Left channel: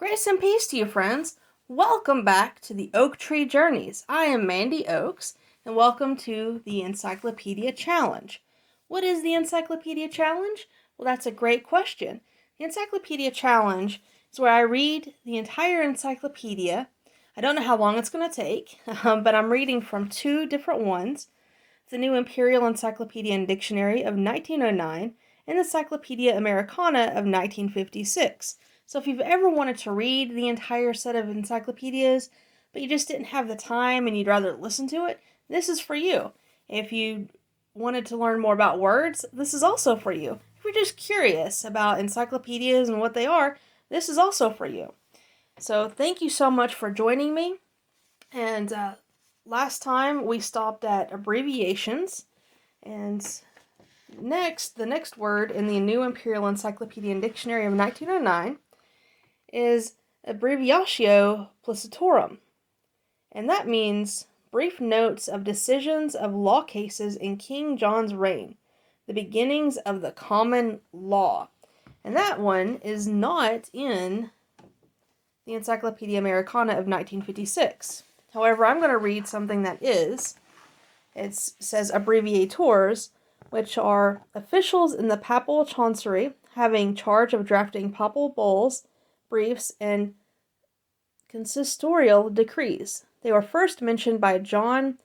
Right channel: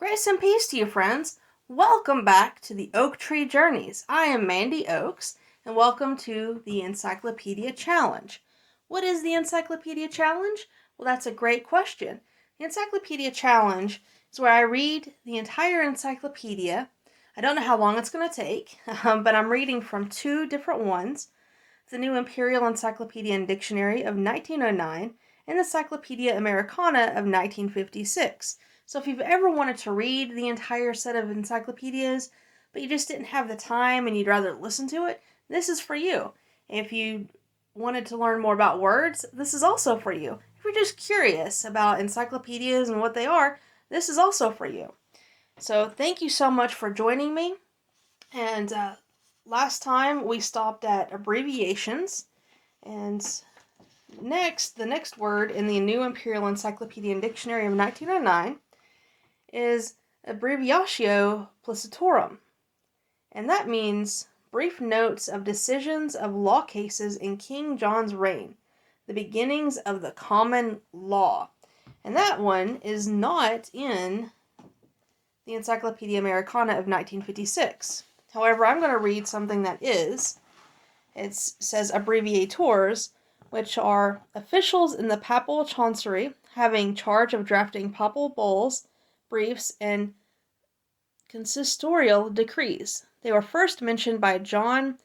Grace and peace to you, friends. Welcome back to the Oak Tree Journeys. I am Mandy Oakes, and welcome to the Encyclopedia Challenge. What is the Encyclopedia Challenge? Well, that's a great question. The Encyclopedia Challenge is where I read the entire encyclopedia. I don't know how long it's going to take, but I'm reading from two different ones. The New Imperial Encyclopedia and Dictionary of 1909 and the Encyclopedia Americana of 1956. So if you've ever wanted to read the entire set of encyclopedias, but you just didn't have the time and you'd rather listen to it, this is for you. If you wanted to learn more about words, this is also for you. If you're just curious about encyclopedias and what they are, this is also for you. So thank you so much for joining me. And last time we stopped at abbreviations, and the next word in the New Imperial Encyclopedia and Dictionary of 1909 is Abbreviatio-Placitorum, and that means brief notes of decisions of law cases in King John's reign, the beginnings of the common law. And that one is not in the Encyclopedia Americana of 1956. However, I'm going to read something that is. It says abbreviators, which are officials in the papal chancery having charge of drafting papal bulls, briefs, and consistorial decrees. They were first mentioned by John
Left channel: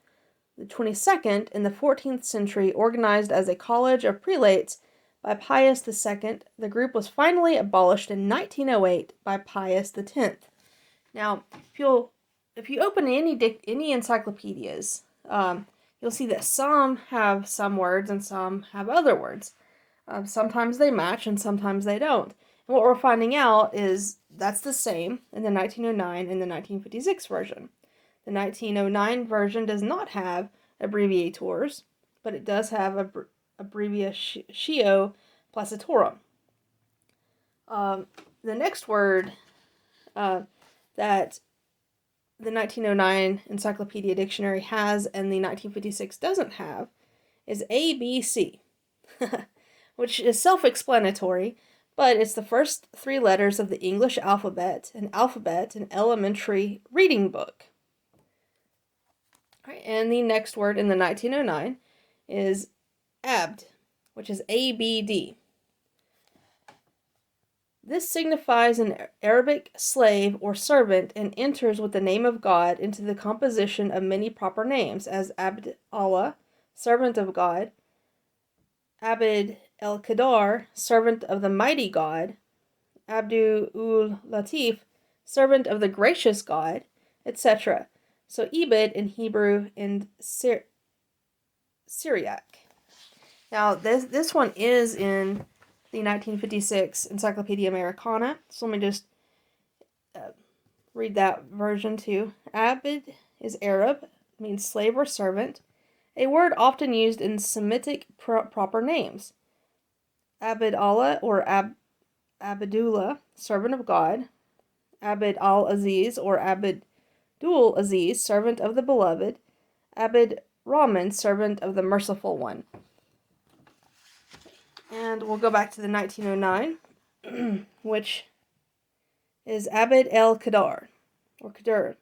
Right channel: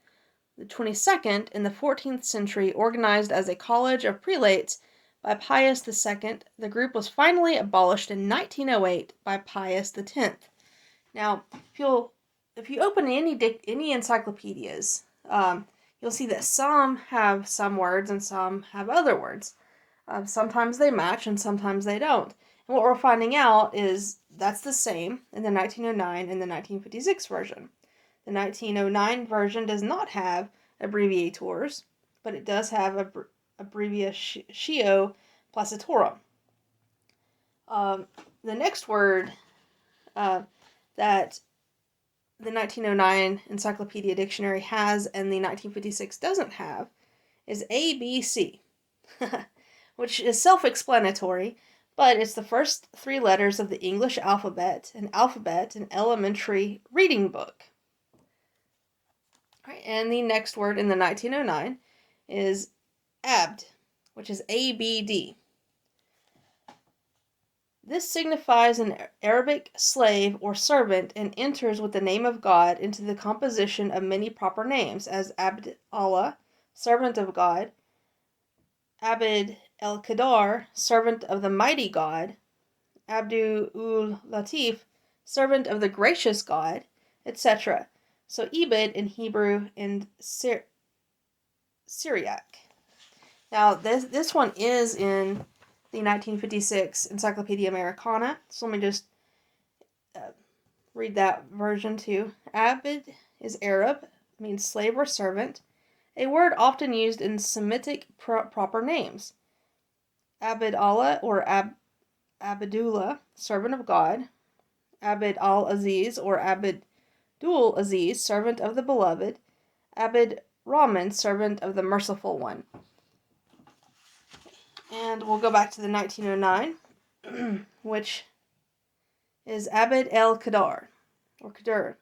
the 22nd in the 14th century, organized as a college of prelates by Pius II. The group was finally abolished in 1908 by Pius X. Now, if you open any encyclopedias, you'll see that some have some words and some have other words. Sometimes they match and sometimes they don't. And what we're finding out is that's the same in the 1909 and the 1956 version. The 1909 version does not have abbreviators, but it does have Abbreviatio-Placitorum. The next word that the 1909 Encyclopedia Dictionary has and the 1956 doesn't have is ABC, which is self-explanatory, but it's the first three letters of the English alphabet, an elementary reading book. Right, and the next word in the 1909 is abd, which is ABD. This signifies an Arabic slave or servant and enters with the name of God into the composition of many proper names, as Abd Allah, servant of God, Abd el-Qadar, servant of the mighty God, Abdul-Latif, servant of the gracious God, etc. So Ebed in Hebrew and Syriac. Now this one is in the 1956 Encyclopedia Americana. So let me just read that version too. Abd is Arab, means slave or servant, a word often used in Semitic proper names. Abd Allah or Abdullah, servant of God. Abd al-Aziz or Abdul Aziz, servant of the beloved. Abd Rahman, servant of the merciful one. And we'll go back to the 1909, which is Abd el-Qadar, or Qadar.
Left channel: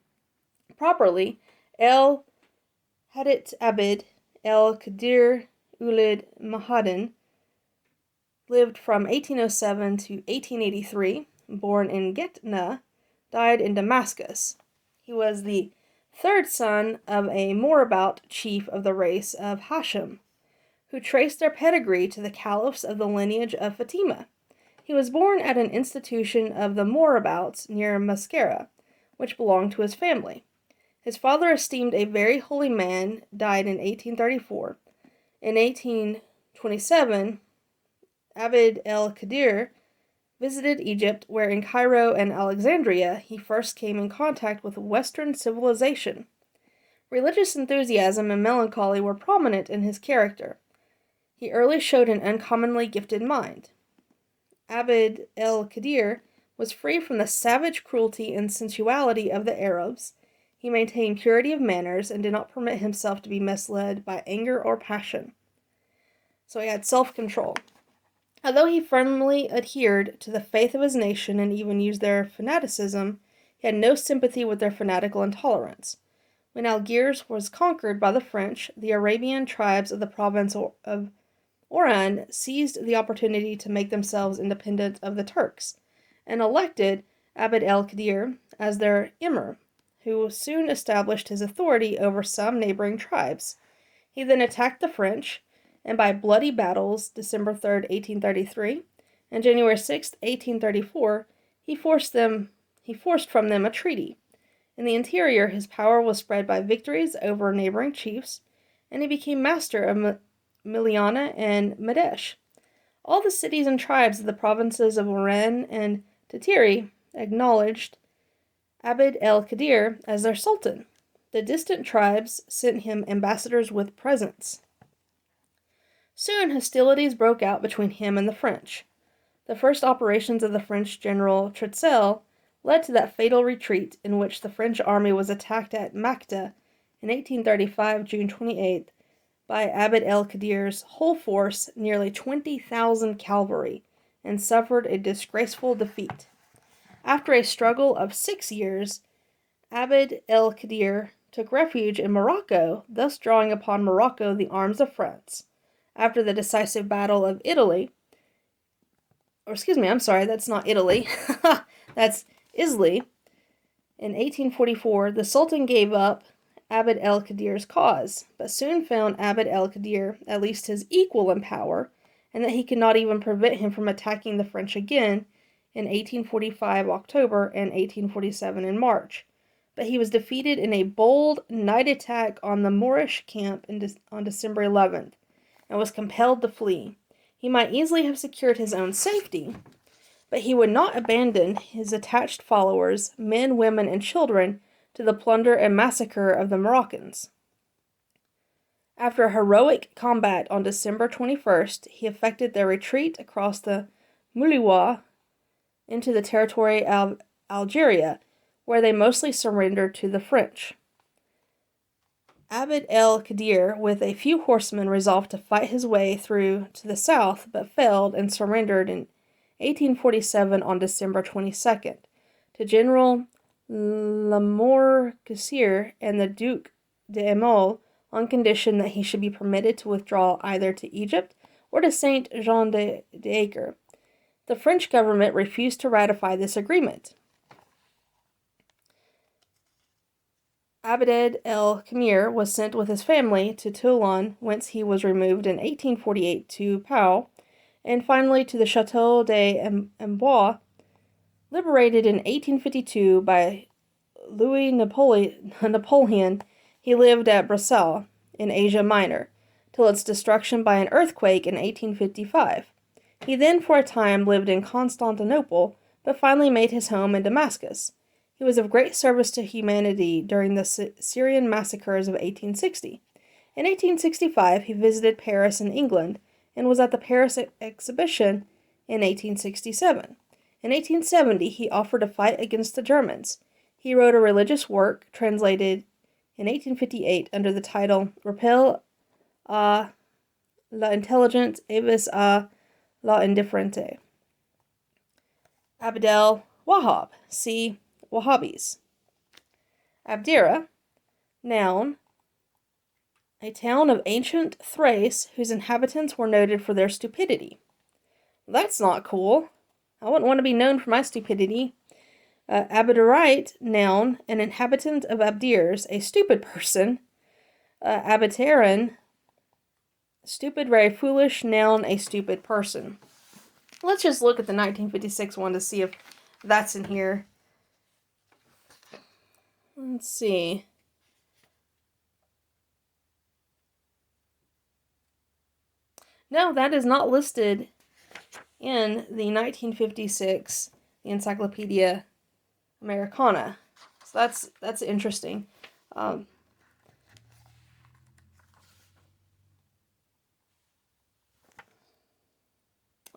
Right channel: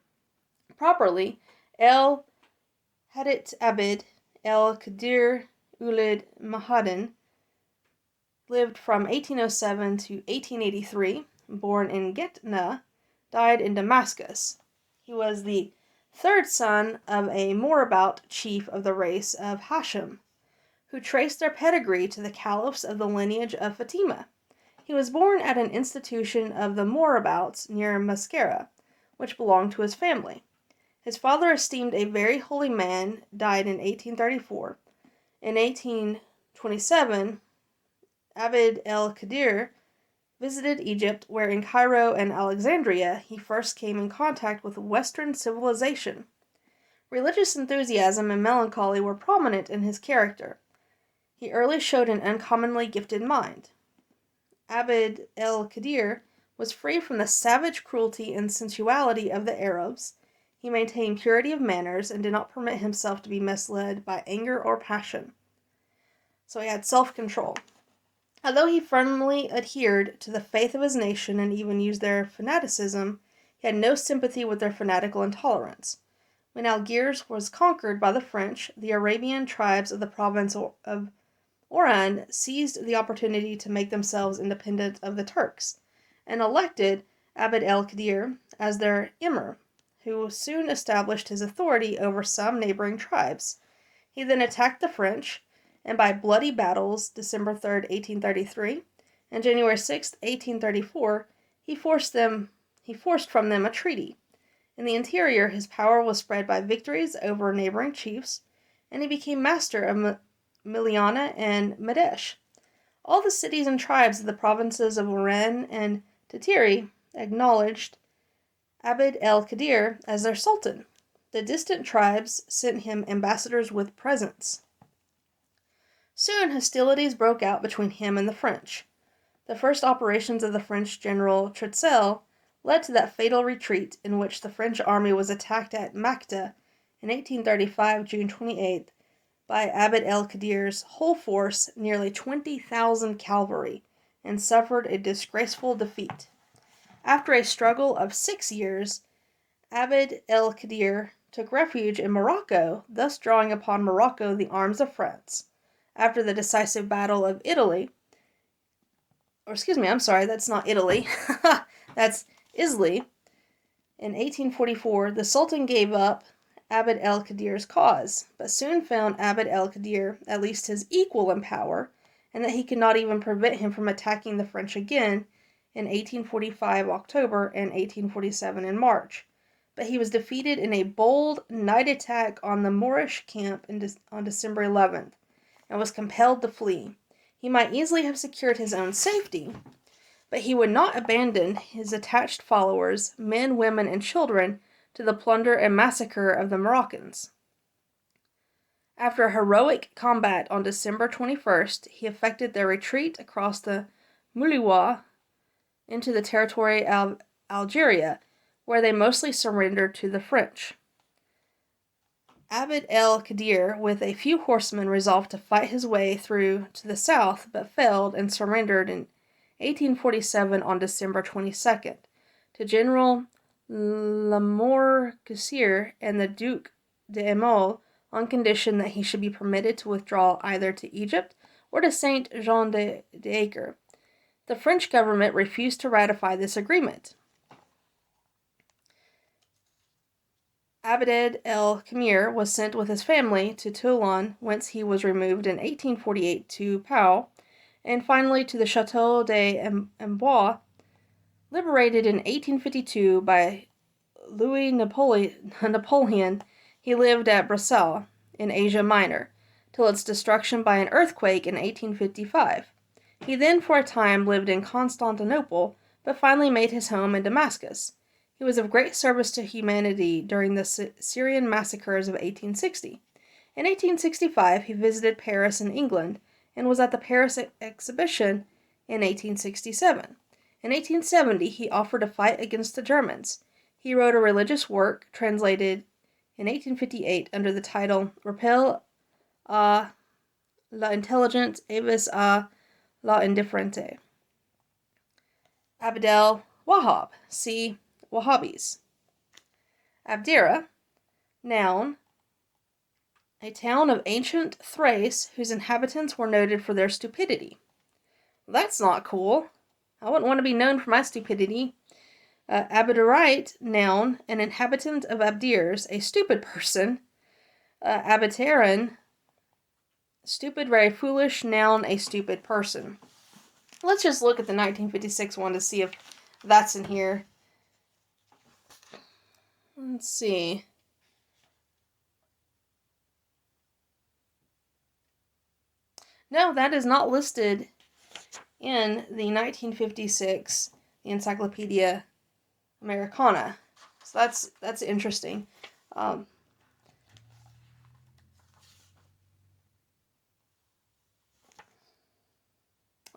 Properly, El-Hadith Abd el-Qadir Ulid Mahadin lived from 1807 to 1883, born in Getna, died in Damascus. He was the third son of a Morabout chief of the race of Hashim, who traced their pedigree to the caliphs of the lineage of Fatima. He was born at an institution of the Morabouts near Mascara, which belonged to his family. His father, esteemed a very holy man, died in 1834. In 1827, Abd el-Qadir visited Egypt, where in Cairo and Alexandria he first came in contact with Western civilization. Religious enthusiasm and melancholy were prominent in his character. He early showed an uncommonly gifted mind. Abd el-Qadir was free from the savage cruelty and sensuality of the Arabs. He maintained purity of manners and did not permit himself to be misled by anger or passion. So he had self-control. Although he firmly adhered to the faith of his nation and even used their fanaticism, he had no sympathy with their fanatical intolerance. When Algiers was conquered by the French, the Arabian tribes of the province of Oran seized the opportunity to make themselves independent of the Turks, and elected Abd el-Qadir as their emir, who soon established his authority over some neighboring tribes. He then attacked the French, and by bloody battles, December 3rd, 1833, and January 6th, 1834, he forced from them a treaty. In the interior, his power was spread by victories over neighboring chiefs, and he became master of Miliana and Medesh. All the cities and tribes of the provinces of Oran and Tatiri acknowledged Abd el-Qadir as their sultan. The distant tribes sent him ambassadors with presents. Soon hostilities broke out between him and the French. The first operations of the French general Choiseul led to that fatal retreat in which the French army was attacked at Makta in 1835, June 28th, by Abd el-Qadir's whole force, nearly 20,000 cavalry, and suffered a disgraceful defeat. After a struggle of 6 years, Abd el-Qadir took refuge in Morocco, thus drawing upon Morocco the arms of France. After the decisive battle of Italy, that's not Italy, that's Isli, in 1844, the Sultan gave up Abd el-Qadir's cause, but soon found Abd el-Qadir at least his equal in power, and that he could not even prevent him from attacking the French again in 1845 October and 1847 in March. But he was defeated in a bold night attack on the Moorish camp on December 11th, and was compelled to flee. He might easily have secured his own safety, but he would not abandon his attached followers, men, women, and children, to the plunder and massacre of the Moroccans. After a heroic combat on December 21st, he effected their retreat across the Mouliwa into the territory of Algeria, where they mostly surrendered to the French. Abd el-Qadir, with a few horsemen, resolved to fight his way through to the south, but failed and surrendered in 1847 on December 22nd to General Lamoricier and the Duc d'Aumale on condition that he should be permitted to withdraw either to Egypt or to Saint Jean d'Acre. The French government refused to ratify this agreement. Abd el-Qamir was sent with his family to Toulon, whence he was removed in 1848 to Pau, and finally to the Château d'Amboise, liberated in 1852 by Louis Napoleon. He lived at Bruxelles, in Asia Minor, till its destruction by an earthquake in 1855. He then for a time lived in Constantinople, but finally made his home in Damascus. He was of great service to humanity during the Syrian massacres of 1860. In 1865, he visited Paris in England, and was at the Paris exhibition in 1867. In 1870, he offered to fight against the Germans. He wrote a religious work, translated in 1858 under the title Rappel à l'intelligence avis à la indifférente. Abdel Wahhab, see Wahhabis. Abdera, noun, a town of ancient Thrace whose inhabitants were noted for their stupidity. That's not cool. I wouldn't want to be known for my stupidity. Abderite, noun, an inhabitant of Abdirs, a stupid person. Abiteran, stupid, very foolish, noun, a stupid person. Let's just look at the 1956 one to see if that's in here. Let's see. No, that is not listed in the 1956 Encyclopedia Americana. So that's interesting. All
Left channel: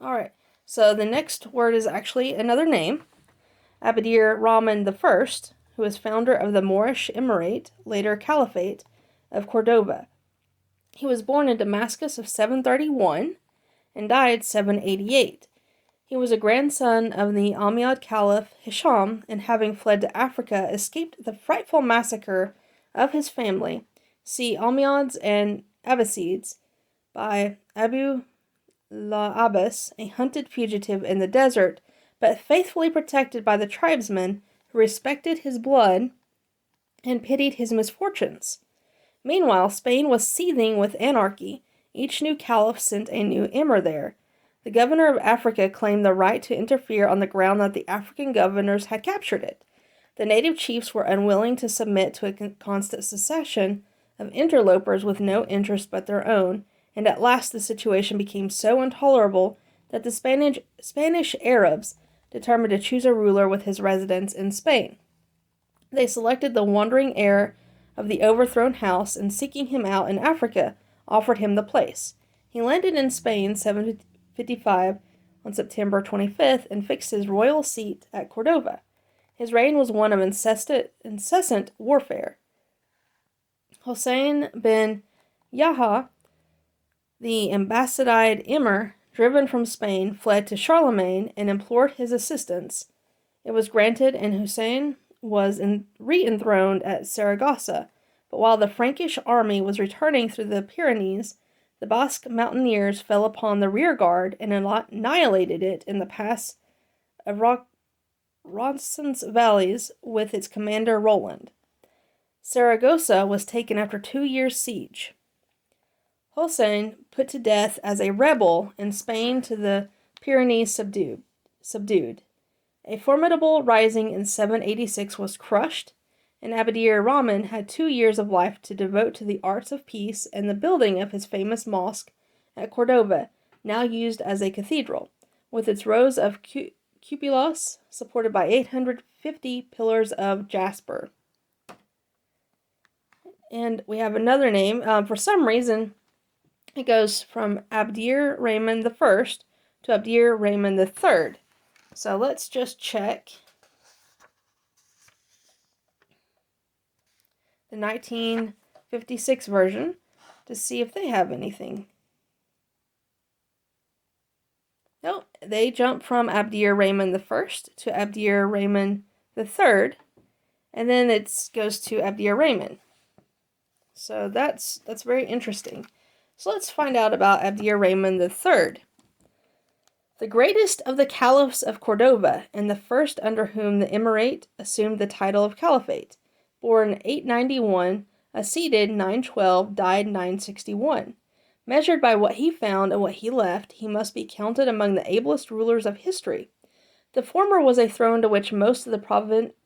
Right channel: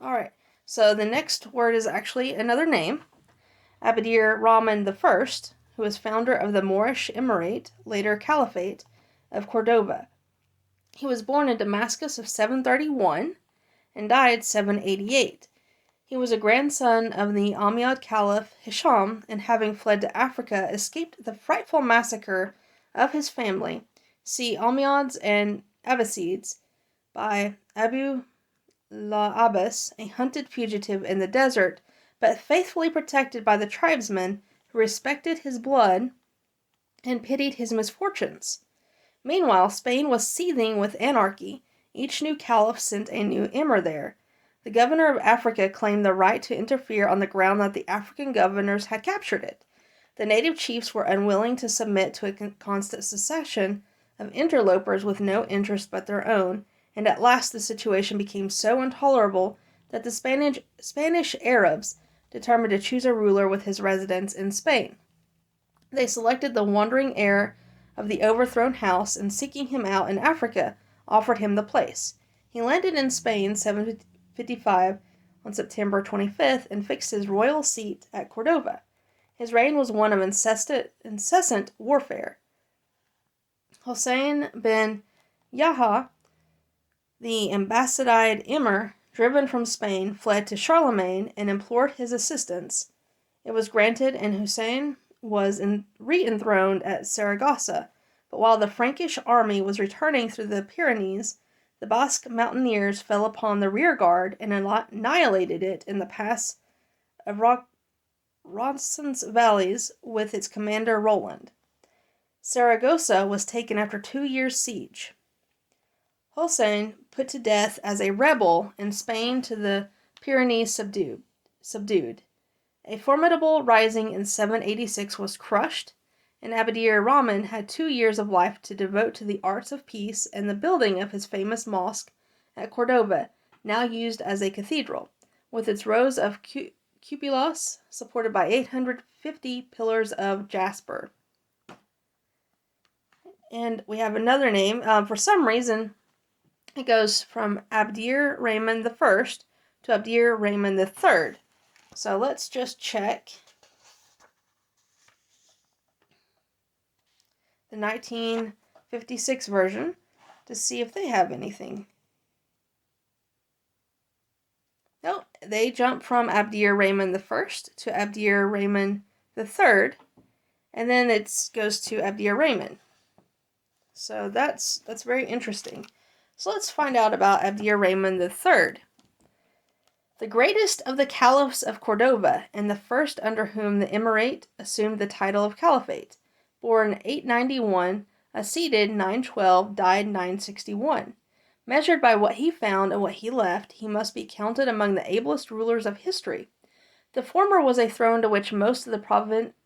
right. So the next word is actually another name. ABD-ER-RAHMAN I, who was founder of the Moorish Emirate, later Caliphate, of Cordoba. He was born in Damascus of 731, and died 788. He was a grandson of the Umayyad Caliph Hisham, and having fled to Africa, escaped the frightful massacre of his family. See Umayyads and Abbasids by Abu al-Abbas, a hunted fugitive in the desert, but faithfully protected by the tribesmen who respected his blood and pitied his misfortunes. Meanwhile, Spain was seething with anarchy. Each new caliph sent a new emir there. The governor of Africa claimed the right to interfere on the ground that the African governors had captured it. The native chiefs were unwilling to submit to a constant succession of interlopers with no interest but their own, and at last the situation became so intolerable that the Spanish Arabs determined to choose a ruler with his residence in Spain. They selected the wandering heir of the overthrown house, and seeking him out in Africa, offered him the place. He landed in Spain 755 on September 25th and fixed his royal seat at Cordova. His reign was one of incessant warfare. Hossein bin Yahya, the Abbasid emir, driven from Spain, fled to Charlemagne and implored his assistance. It was granted, and Hussein was re-enthroned at Saragossa. But while the Frankish army was returning through the Pyrenees, the Basque mountaineers fell upon the rear guard and annihilated it in the pass of Ronsson's valleys with its commander Roland. Saragossa was taken after 2 years' siege. Hossein put to death as a rebel in Spain to the Pyrenees subdued. A formidable rising in 786 was crushed, and ABD-ER-RAHMAN had 2 years of life to devote to the arts of peace and the building of his famous mosque at Cordova, now used as a cathedral, with its rows of cupolas supported by 850 pillars of jasper. And we have another name. For some reason, it goes from ABD-ER-RAHMAN I to ABD-ER-RAHMAN III. So let's just check the 1956 version to see if they have anything. No, they jump from ABD-ER-RAHMAN I to ABD-ER-RAHMAN III, and then it goes to ABD-ER-RAHMAN. So that's very interesting. So let's find out about ABD-ER-RAHMAN III. The greatest of the caliphs of Cordova, and the first under whom the emirate assumed the title of caliphate. Born 891, acceded 912, died 961. Measured by what he found and what he left, he must be counted among the ablest rulers of history. The former was a throne to which most of the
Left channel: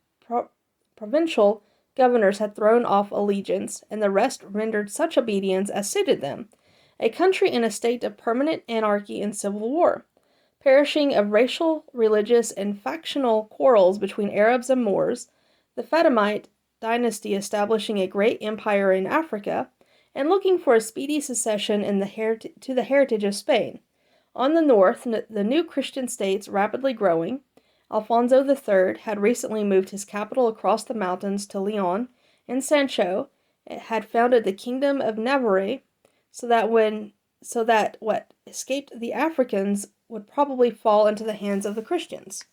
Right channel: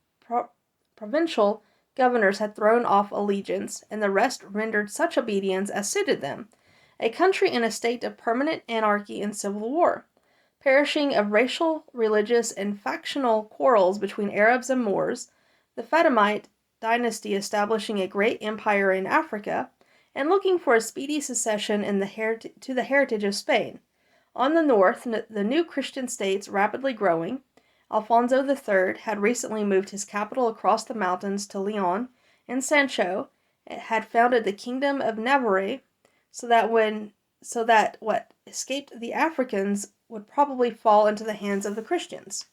provincial governors had thrown off allegiance, and the rest rendered such obedience as suited them. A country in a state of permanent anarchy and civil war, perishing of racial, religious, and factional quarrels between Arabs and Moors, the Fatimite dynasty establishing a great empire in Africa, and looking for a speedy succession to the heritage of Spain. On the north, the new Christian states rapidly growing. Alfonso III had recently moved his capital across the mountains to Leon, and Sancho had founded the kingdom of Navarre, so that what escaped the Africans would probably fall into the hands of the Christians.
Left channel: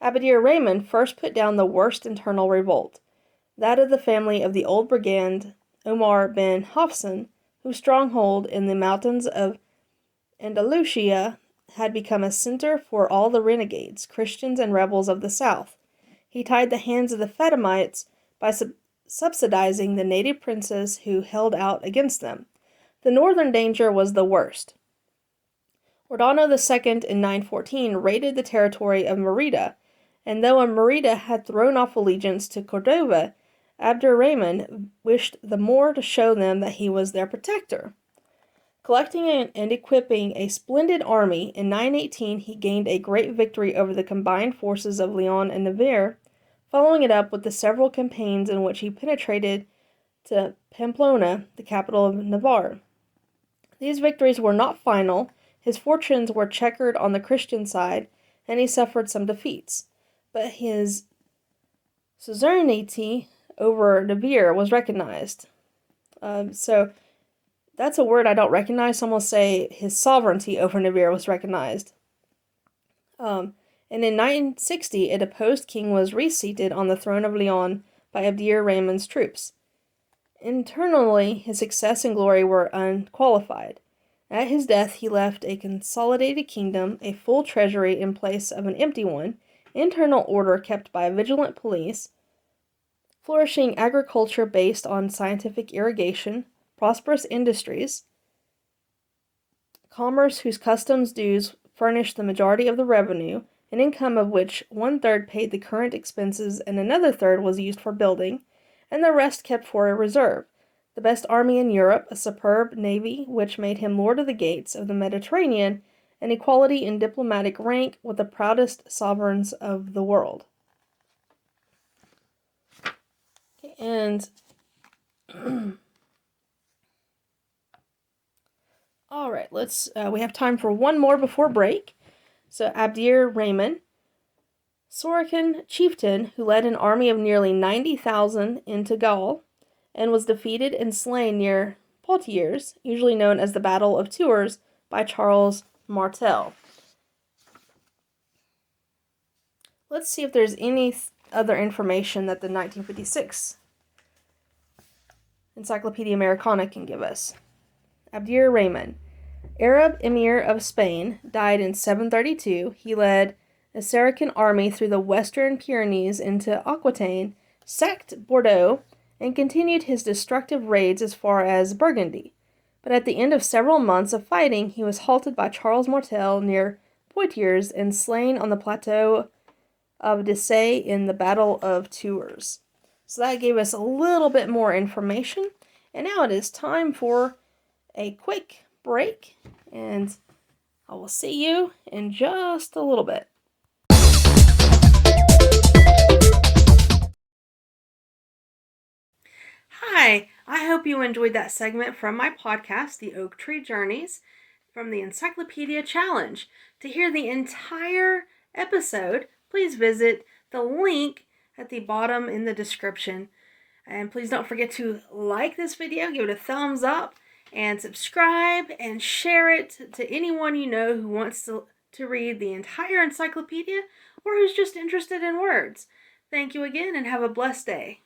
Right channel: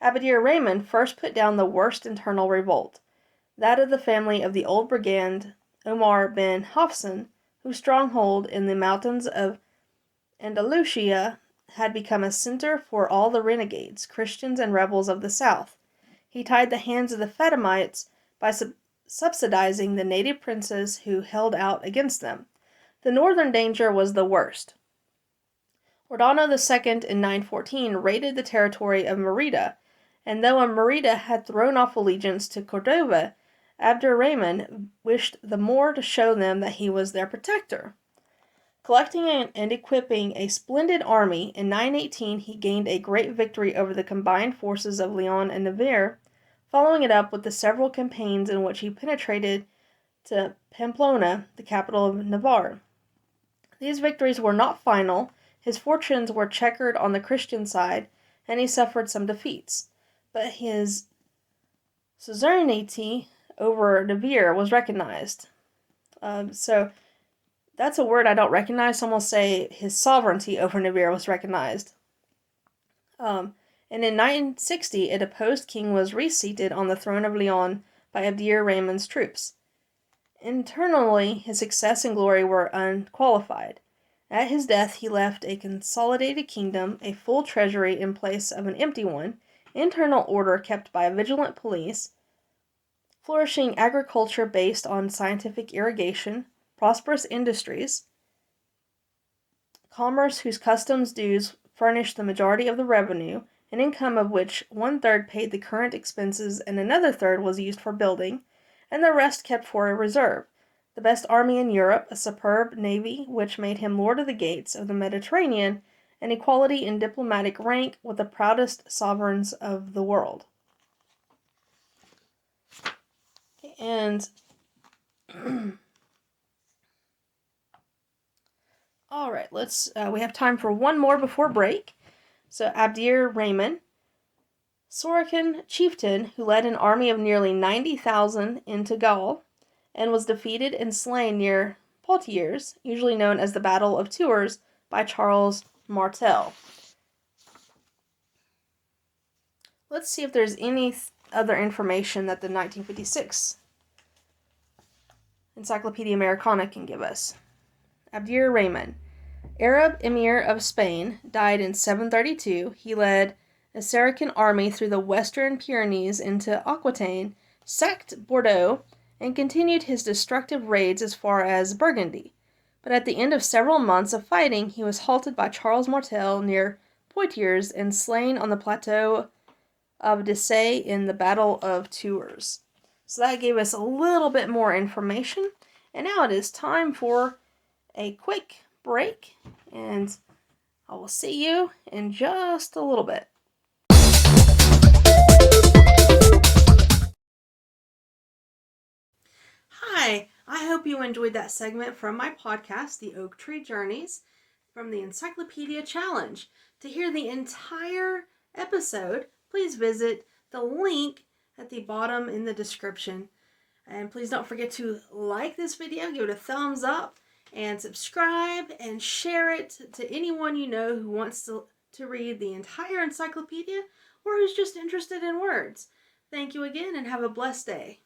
ABD-ER-RAHMAN first put down the worst internal revolt, that of the family of the old brigand Omar bin Hafsun, whose stronghold in the mountains of Andalusia had become a center for all the renegades, Christians, and rebels of the south. He tied the hands of the Fatimites by subsidizing the native princes who held out against them. The northern danger was the worst. Ordano II in 914 raided the territory of Merida, and though Merida had thrown off allegiance to Cordova, ABD-ER-RAHMAN wished the more to show them that he was their protector. Collecting and equipping a splendid army, in 918 he gained a great victory over the combined forces of Leon and Navarre, following it up with the several campaigns in which he penetrated to Pamplona, the capital of Navarre. These victories were not final. His fortunes were checkered on the Christian side, and he suffered some defeats. But his suzerainty over Navarre was recognized. So That's a word I don't recognize, so I'm going to say his sovereignty over Nibiru was recognized. And in 960, a deposed king was reseated on the throne of Leon by Abd-ER-RAHMAN's troops. Internally, his success and glory were unqualified. At his death, he left a consolidated kingdom, a full treasury in place of an empty one, internal order kept by a vigilant police, flourishing agriculture based on scientific irrigation, prosperous industries, commerce whose customs dues furnished the majority of the revenue, an income of which 1/3 paid the current expenses and another third was used for building, and the rest kept for a reserve, the best army in Europe, a superb navy which made him lord of the gates of the Mediterranean, and equality in diplomatic rank with the proudest sovereigns of the world. Okay, and all right, we have time for one more before break. So Abd-ER-RAHMAN, Sorokin chieftain who led an army of nearly 90,000 into Gaul and was defeated and slain near Poitiers, usually known as the Battle of Tours, by Charles Martel. Let's see if there's any other information that the 1956 Encyclopedia Americana can give us. Abd-ER-RAHMAN, Arab Emir of Spain, died in 732. He led a Saracen army through the western Pyrenees into Aquitaine, sacked Bordeaux, and continued his destructive raids as far as Burgundy. But at the end of several months of fighting, he was halted by Charles Martel near Poitiers and slain on the plateau of Dessay in the Battle of Tours. So that gave us a little bit more information. And now it is time for a quick break, and I will see you in just a little bit. Hi, I hope you enjoyed that segment from my podcast, The Oak Tree Journeys, from the Encyclopedia Challenge. To hear the entire episode, please visit the link at the bottom in the description. And please don't forget to like this video, give it a thumbs up, and subscribe and share it to anyone you know who wants to read the entire encyclopedia or who's just interested in words. Thank you again and have a blessed day.